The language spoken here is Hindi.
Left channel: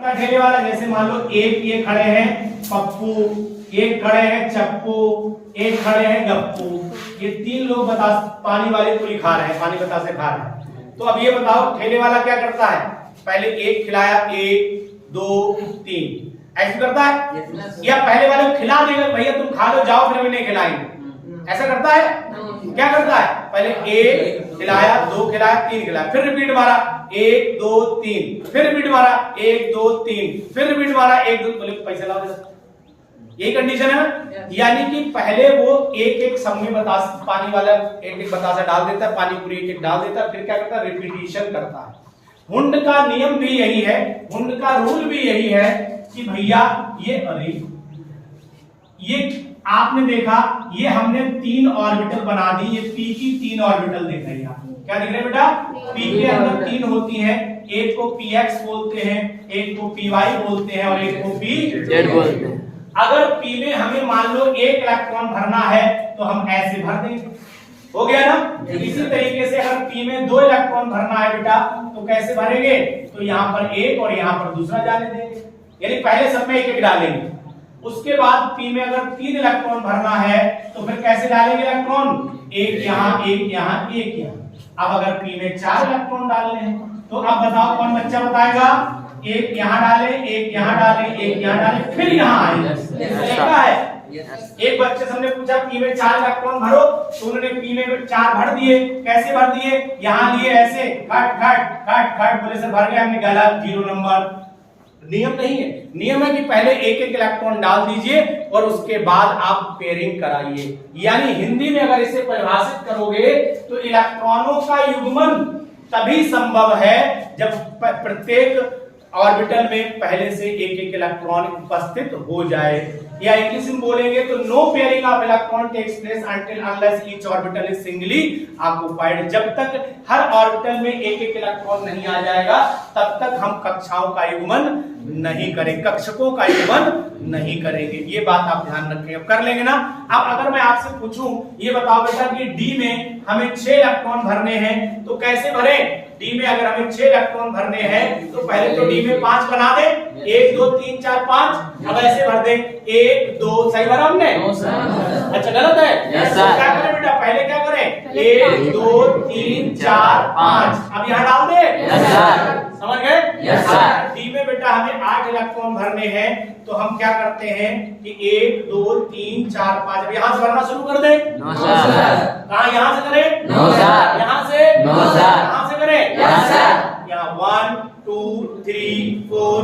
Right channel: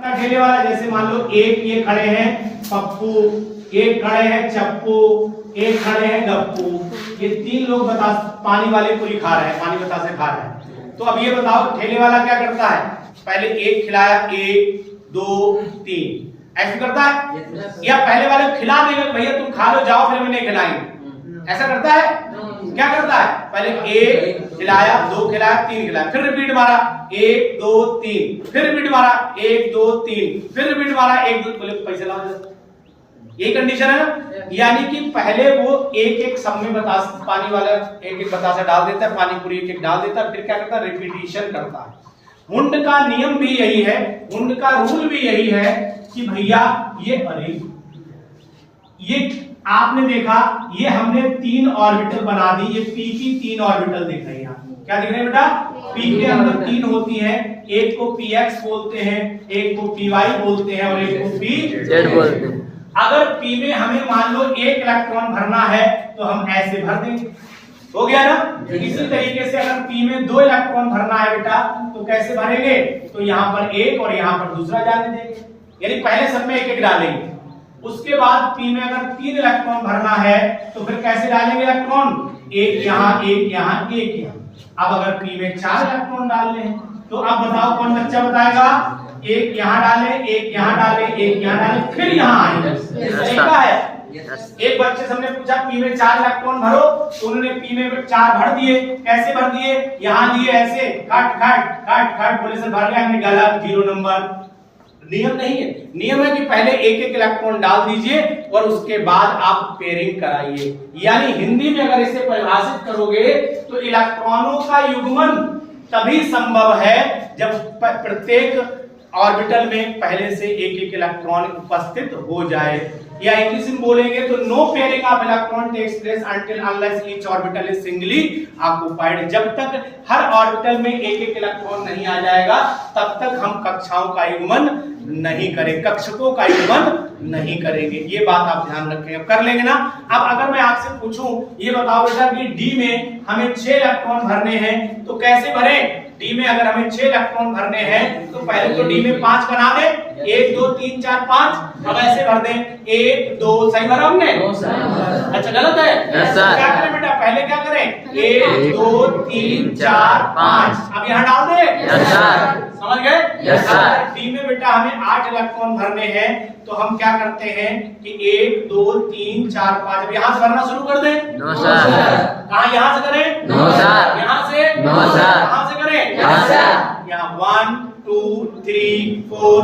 ठेले वाला, जैसे मान लो एक ये खड़े हैं पप्पू, एक खड़े हैं चप्पू, एक खड़े हैं गप्पू, ये तीन लोग पानी वाले पूरी खा रहे हैं, पानी बतासे खा रहे हैं। तो अब ये बताओ ठेले वाला क्या करता है, पहले एक खिलाया, एक दो तीन ऐसे करता है, या पहले वाले को खिला देगा भैया तुम खा लो जाओ फिर मैंने खिलाएंगे, ऐसा करता है? क्या करता है, पहले एक खिलाया, दो खिलाया, तीन खिलाया, फिर रिपीट मारा, एक दो तीन, फिर रिपीट मारा, एक दो तीन, फिर रिपीट मारा, एक दो, बोले पैसे लाओ, ये कंडीशन है ना। यानी कि पहले वो एक एक सब में बतासा, पानी वाला एक एक बतासा डाल देता है, पानी पूरी एक एक डाल देता है, फिर क्या करता है, रिपीटिशन करता है। हुंड का नियम भी यही है, हुंड का रूल भी यही है कि भैया ये, अरे ये आपने देखा, ये हमने तीन ऑर्बिटल बना दी, ये पी की तीन ऑर्बिटल दिख रही है, क्या दिख रहे हैं बेटा, पी के अंदर तीन होती हैं, एक को px बोलते हैं, एक को py बोलते हैं और एक को pz बोलते हैं। अगर p में हमें मान लो एक इलेक्ट्रॉन भरना है तो हम ऐसे भर देंगे, हो गया ना। इसी तरीके से अगर p में दो इलेक्ट्रॉन भरना है बेटा तो कैसे भरेंगे, तो यहाँ पर एक और यहाँ पर दूसरा जाने देंगे, यानी पहले सब में एक एक डालेंगे। उसके बाद p में अगर तीन इलेक्ट्रॉन भरना है तो फिर कैसे डालेंगे इलेक्ट्रॉन, एक यहाँ एक यहाँ एक यहाँ। अब अगर p में चार इलेक्ट्रॉन डालने हैं तो अब बताओ कौन बच्चा बताएगा, एक यहाँ डाले, एक यहाँ डाले, एक यहाँ डाले, फिर यहाँ आए, तरीका है। एक बच्चे से हमने पूछा p में चार इलेक्ट्रॉन भरो, तो उन्होंने p में चार भर दिए, कैसे भर दिए, यहाँ लिए ऐसे खट खट खट खट, बोले सर भर गया, हमने गलत, 0 नंबर। नियम नहीं है, नियम है कि पहले एक एक इलेक्ट्रॉन डाल दीजिए और उसके बाद आप पेयरिंग कराइए। यानी हिंदी में अगर इसे परिभाषित करोगे तो इलेक्ट्रॉनों का युग्मन तभी संभव है जब प्रत्येक ऑर्बिटल में पहले से एक एक इलेक्ट्रॉन उपस्थित हो जाए, या इंग्लिश में बोलेंगे तो no pairing of electron takes place until unless each orbital is singly occupied. जब तक हर ऑर्बिटल में एक एक इलेक्ट्रॉन नहीं आ जाएगा तब तक हम कक्षाओं का युग्मन नहीं करेंगे, कक्षकों का युग्मन नहीं करेंगे, ये बात आप ध्यान रखें। अब कर लेंगे ना। अब अगर मैं आपसे पूछूं, ये बताओ बेटा कि डी में हमें 6 इलेक्ट्रॉन भरने हैं तो कैसे भरें, डी में अगर हमें 6 इलेक्ट्रॉन भरने हैं तो पहले तो डी में 5 बना दे, 1 2 3 4 5। अब ऐसे भर दें 1 2, सही भरा हमने? अच्छा गलत है? क्या करें बेटा, पहले क्या करें, 1 2 3 4 5, अब यहाँ डाल दे, समझ गए? डी में बेटा हमें 8 इलेक्ट्रॉन भरने हैं तो हम क्या करते हैं कि 1 2 3 4 5, अब यहाँ से भरना शुरू कर दें। कहाँ, यहाँ से करें? यहाँ से? कहाँ से करें? यहाँ 1 2 3 4